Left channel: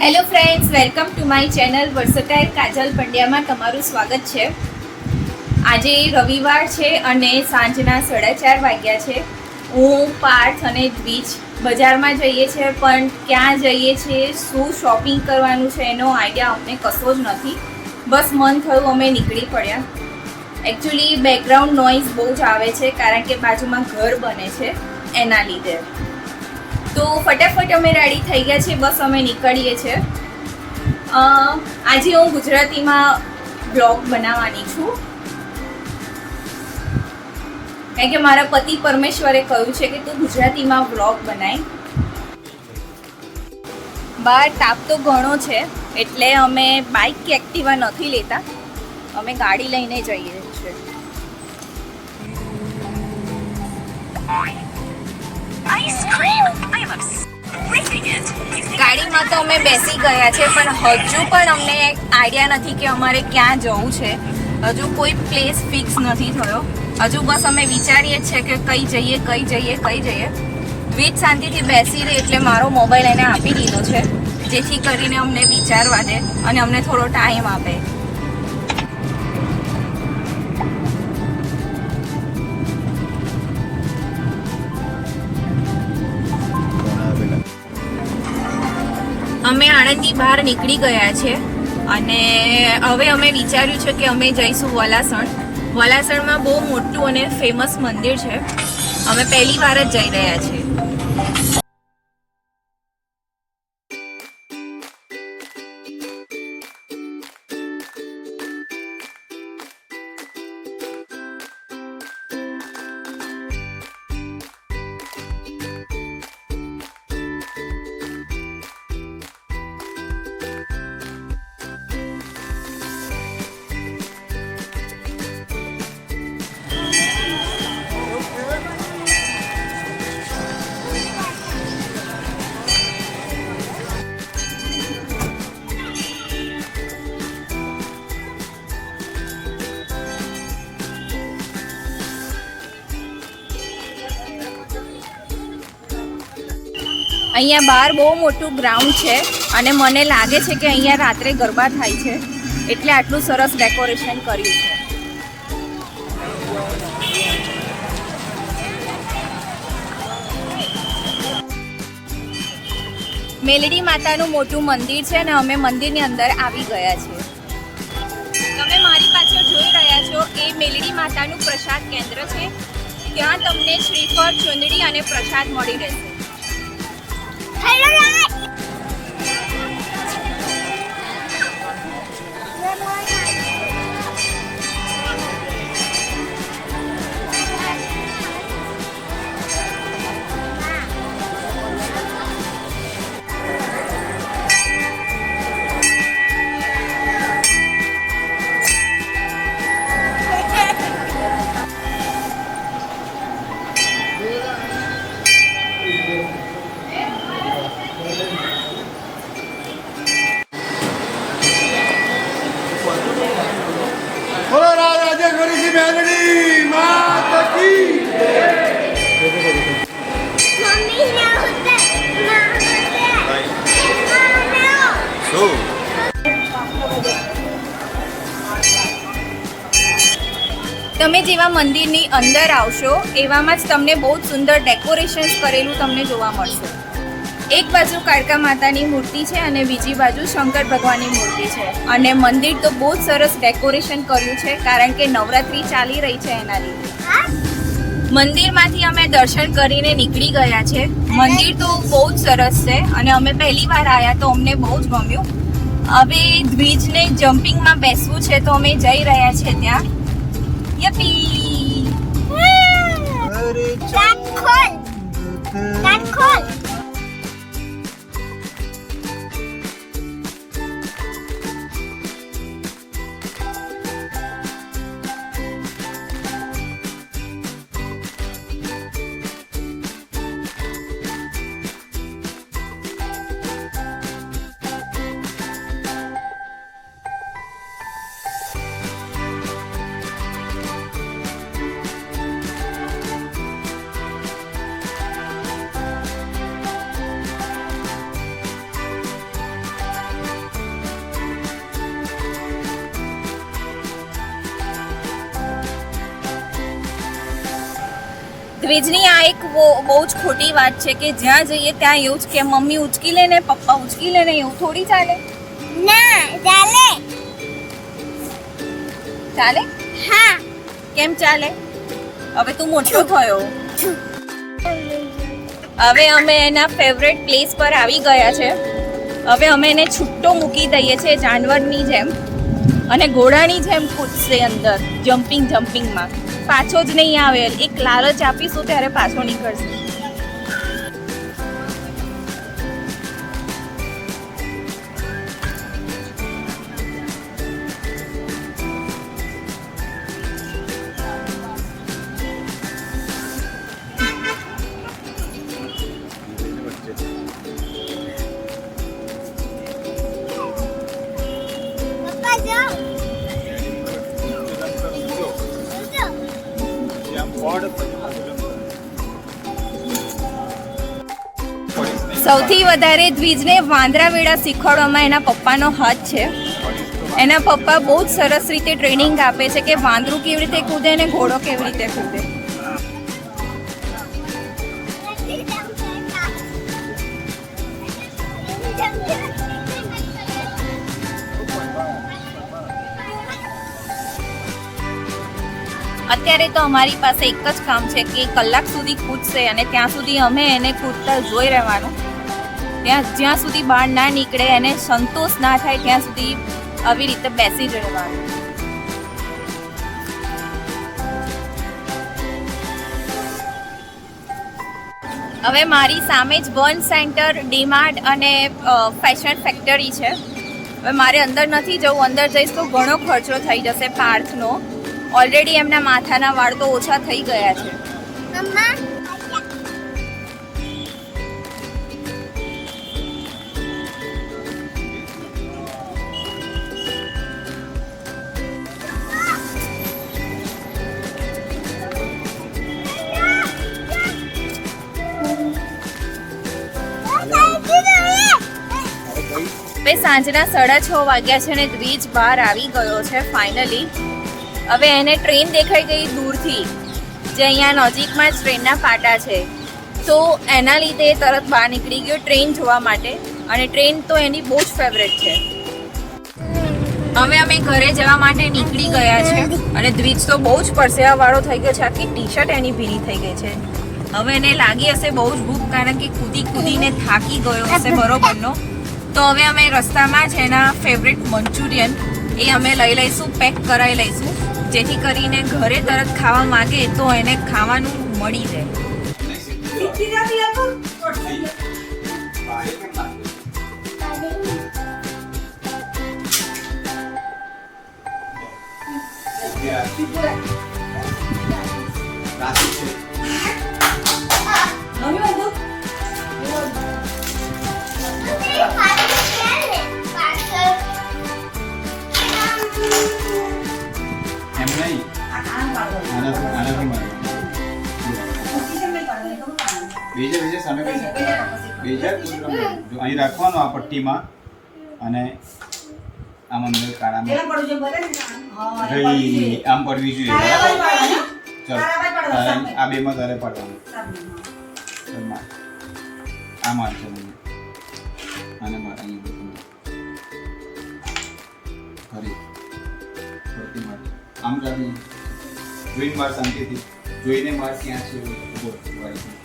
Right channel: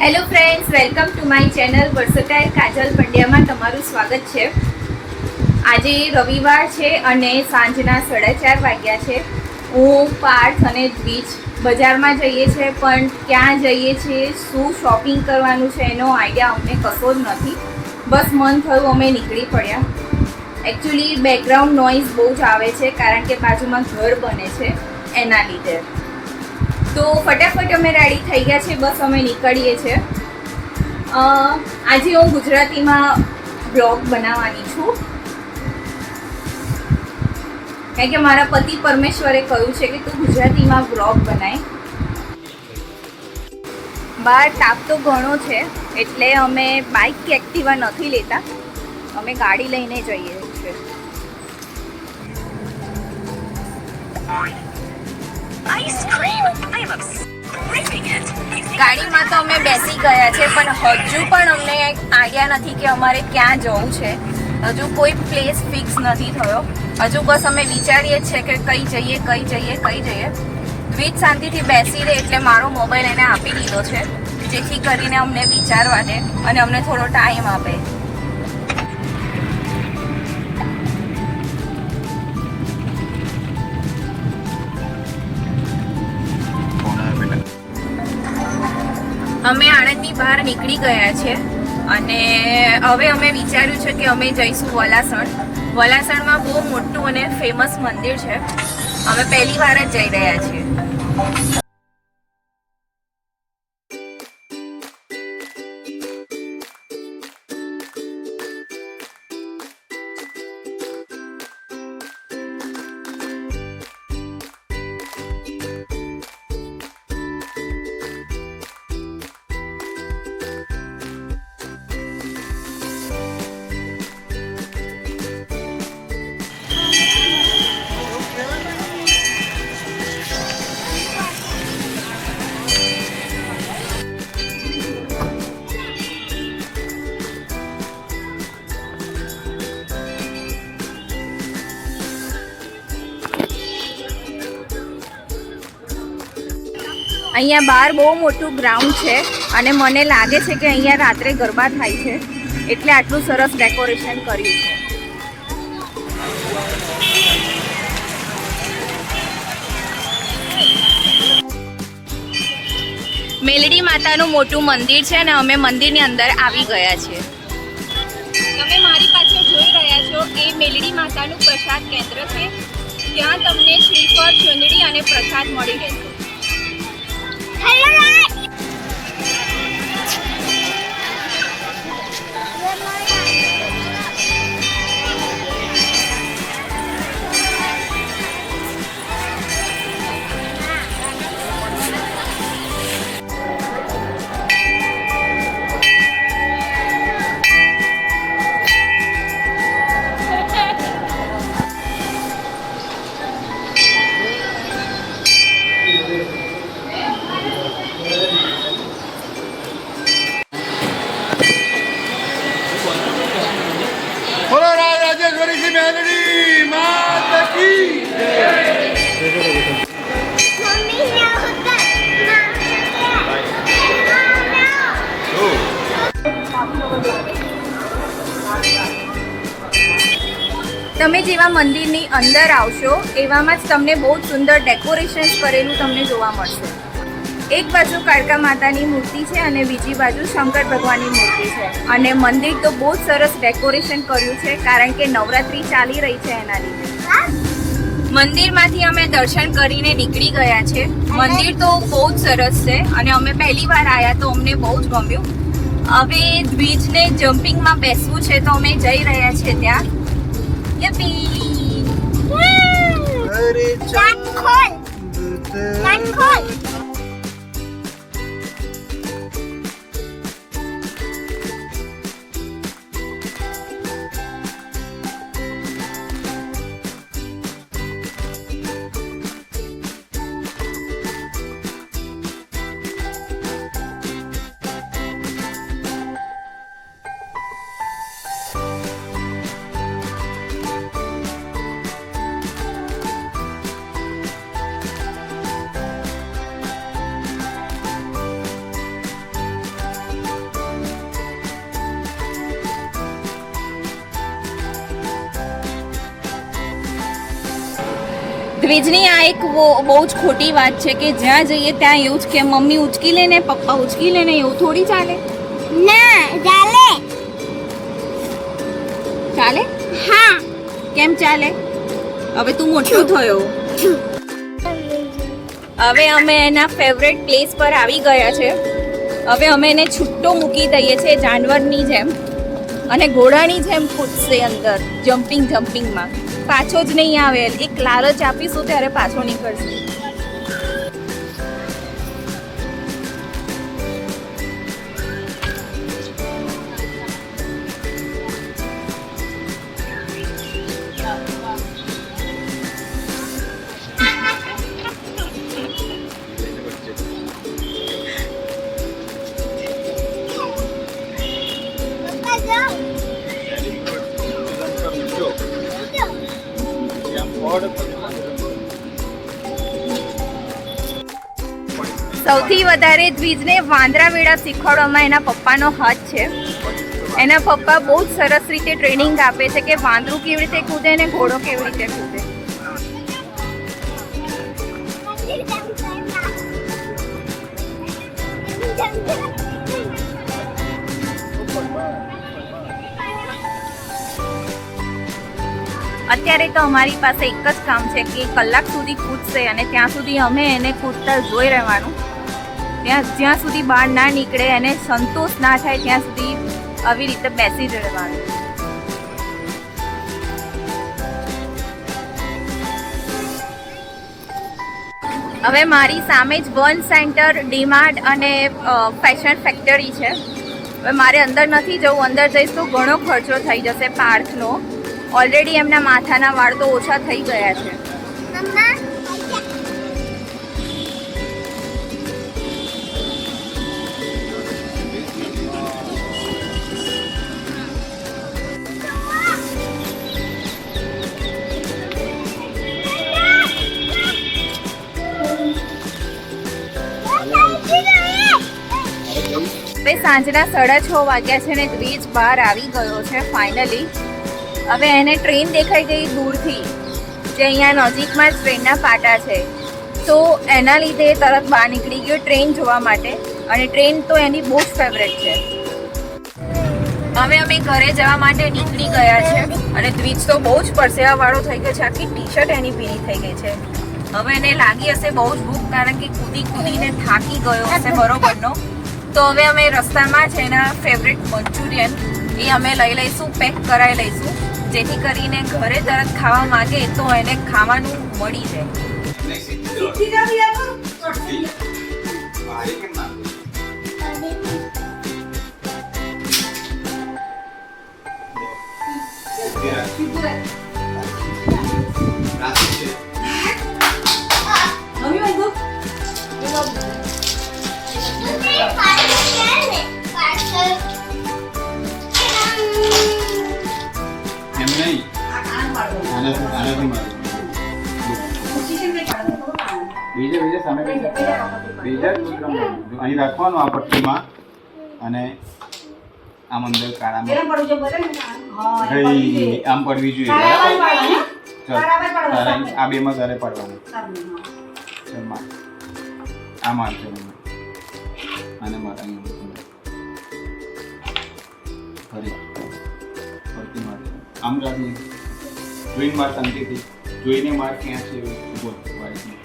Hello friends, welcome to my channel versatile Kajal પંડ્યામાં તમારું સ્વાગત છે. આજે રવિવાર છે અને સાંજના 4:30 વાગ્યા છે. હું પાર્થ અને દ્વિજ બજારમાં જઈએ છીએ, પણ ક્યાં જઈએ છીએ, શું શોપિંગ કરવાનું છે એનો આઈડિયા અમને કશો જ નથી. બસ મન થયું અમે નીકળી પડ્યા. એકચ્યુઅલી બેકગ્રાઉન્ડ નોઇઝ બહુ જ આવે છે કારણ કે બાજુમાં ઘર બને છે એના લીધે. તો ફટાફટ અમે રેડી થઈ ગયા છે, બસ અમે નીકળીએ છીએ. આજે હું ગુજરાતીમાં બ્લોગ બનાવવાની છું કારણ કે મારા પતિ પરમેશ્વરે કહ્યું છે કે તું ગુજરાતીમાં બ્લોગ બનાય. બહાર તાપ તો ઘણો છે એટલે અમે બાઇક કે એક્ટિવા નથી લેતા, અમે ગાડી લઈને જઈએ છીએ. ગાડીમાં તો અમે બેસી ગયા છે, પણ હજુ પણ અમને આઈડિયા નથી કે અમારે ક્યાં જવું છે. હજુ કોઈ પ્લેસ ફિક્સ નથી થયો. હજુ બસ અમે વિચારીએ છીએ કે કઈ જઈએ. દ્વિજ શાંતિથી બેસી રહે એટલે મારો મોબાઈલ એને આપી દીધો છે, જેથી કરીને અમને વિચારવા દે અને અમને થોડો ટાઈમ આપે. અમે આણંદની બહાર નીકળી ગયા છે અને હવે અમે વિચાર્યું છે કે અમે જઈશું વલાસણ. વલાસણમાં બહુ મોટું અને ફેમસ મંદિર છે. અમે પહેલી વાર જ જઈ રહ્યા છીએ. અહીંયા બહાર બહુ મોટું ગ્રાઉન્ડ છે અને મને લાગે છે કે અહીંયા રાત્રે ગરબા થાય છે, એટલે આટલું સરસ ડેકોરેશન કર્યું છે. મેલડી માતાનું મોટું મંદિર છે અને અમે મંદિરની અંદર આવી ગયા છીએ. તમે મારી પાછળ જોઈ રહ્યા છો એ મેલડી માતાનું પ્રસાદ કેન્દ્ર છે. ત્યાં તમને શ્રીફળ, ચુંદડી અને પ્રસાદ મળી રહેશે. તમે જેવા મંદિરની અંદર આવશો એવામાં જ તમને બહુ જ સુંદર ડેકોરેશન્સ કરેલું તમને જોવા મળશે. એક બાજુ કાળકા માતાની મૂર્તિ છે અને બીજી બાજુ શંકર ભગવાનની મૂર્તિ છે. અને મંદિર તો બહુ જ સરસ ડેકોરેશન કર્યું છે કારણ કે નવરાત્રી ચાલી રહી છે એના લીધે. મંદિરમાંથી અમે દર્શન કરીને નીકળી ગયા છે. મંદિર તો બહુ જ સરસ છે અને અમે પહેલી વાર આવ્યા તો અમને બહુ જ ગમ્યું. હવે દ્વિજને જમ્પિંગમાં બેસવું છે તો અમે જઈ રહ્યા છીએ ત્યાં. યપી! કાન ખોલ! દ્વિજની આ એક બહુ જ ખોટી વાત છે કે જ્યાં જઈએ ત્યાં એવું જ કે મમ્મી ઉચકી લે ને પપ્પા ઉચકી લે ને, એવું થોડી ચાલે. ના ચાલે. ચાલે? હા. કેમ ચાલે? હવે તું મોટો થયો. હવે અમે એના ફેવરેટ પ્લેસ પર આવી ગયા છે. હવે અમે એને છૂટો મૂકી દઈએ છીએ જાનવરની જેમ, અને ઘોડાની જેમ કૂદશે અંદર જમ્પિંગમાં. પાછો જ નહીં આવે. એક લાલચ આપીશું ત્યારે પાછો નીકળશે. પપ્પા જાઓ. સૌથી વધારે દ્વિજને વાંદરા વેડા શીખવાડવામાં એના પપ્પાનો હાથ છે. એના પપ્પા બહુ જ સરસ રીતે ટ્રેનિંગ આપે છે કે વાંદરું કેવી રીતે કૂદે ને ઘોડો કેવી રીતે કૂદે. અત્યારે તો અમારી પાસે એક જ કામ છે કે કલાક સુધી કૂદશે અને ત્યાં સુધી અમે એને કૂદતા જોઈ રહેવાનું. જ્યાં સુધી બહાર ના નીકળે, એને સંતોષ ના થાય ત્યાં સુધી આવી રીતે બેસી જ રહેવાનું. હવે મારી સામે જ વન સેન્ટર, ડીમાર્ટ અને ફેશન ફેક્ટરી છે. હવે મારે અંદર નથી જવું. અંદર જઈશ તો ઘણો ખર્ચો થઈ જશે પાર્કનો. ઓલરેડી એમના માથાના વાળ તો ઓછા થઈ ગયા છે. મમ્મા હવે સાંજના 6:30 વાગ્યા છે ને દ્વિજ બહાર આવી ગયો છે ફાઇનલી. હવે એને ટ્રેન દેખાઈ ગઈ દૂરથી, જે અહીંયા નજીકમાં જ ટ્રેનના પાટા છે, તો એના લીધે તરત બહાર નીકળી ગયો ટ્રેન જોવા માટે. અને ટ્રેન તો એની બહુ જ ફેવરેટ છે. હવે અમે ઘરે જવા માટે નીકળી ગયા છે અને દ્વિજ તો બહુ જ પરસેવાવાળો થઈ ગયો છે. આખી ટી-શર્ટ એની ભીની થઈ ગઈ છે. હવે એને લાગી હશે બહુ જ ભૂખ, કારણ કે કૂદીને થાકી ગયો હશે બરોબરનો. તો હવે અમે રસ્તામાં છે એના ફેવરેટ મંચુરિયન એ અમે લઈ લઈશું, પેક કરાવી લઈશું, જેથી કરીને ઘરે તરત ખાવા માંગે તો એને ખાવાનું મળી જાય. અહીં રાખવાનો આ પટ્ટીમાં, અને આમ અંદર કાળામાં આમ પડવી જોઈએ. આ બેમાં તારે પડવાનું. આ મારશે અને મારા પટ્ટી મારશે. આમ રાખી જોઈને માર શાંતિથી જોઈને માર ક્યાં છે ઉભો વાળી.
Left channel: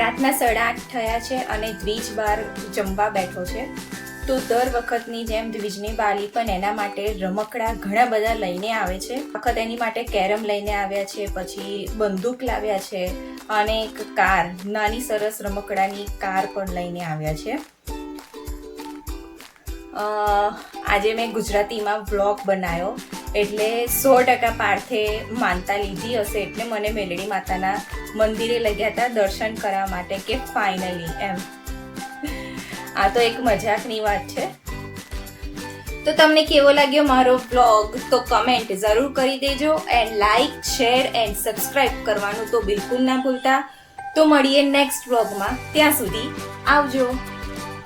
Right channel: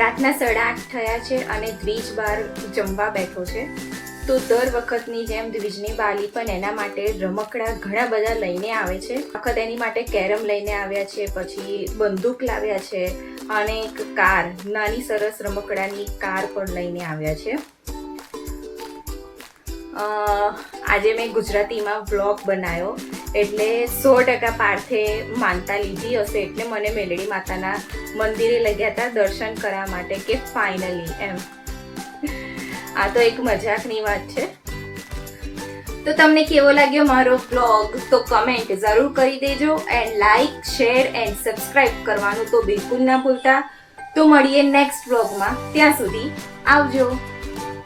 રાતના 8:30 થયા છે અને દ્વિજ બહાર જમવા બેઠો છે. તો દર વખતની જેમ દ્વિજની બાલી પણ એના માટે રમકડા ઘણા બધા લઈને આવે છે. વખત એની માટે કેરમ લઈને આવ્યા છે, પછી બંદૂક લાવ્યા છે અને એક કાર, નાની સરસ રમકડાની કાર પણ લઈને આવ્યા છે. આજે મેં ગુજરાતીમાં વ્લોગ બનાવ્યો એટલે 100% પાર્થે માનતા લીધી હશે, એટલે મને મેલડી માતાના મંદિરે લઈ ગયા હતા દર્શન કરવા માટે કે ફાઇનલી એમ. આ તો એક મજાકની વાત છે. તો તમને કેવો લાગ્યો મારો વ્લોગ તો કમેન્ટ જરૂર કરી દેજો, and like, share and subscribe કરવાનું તો બિલકુલ ના ભૂલતા. તો મળીએ નેક્સ્ટ વ્લોગમાં. ત્યાં સુધી આવજો.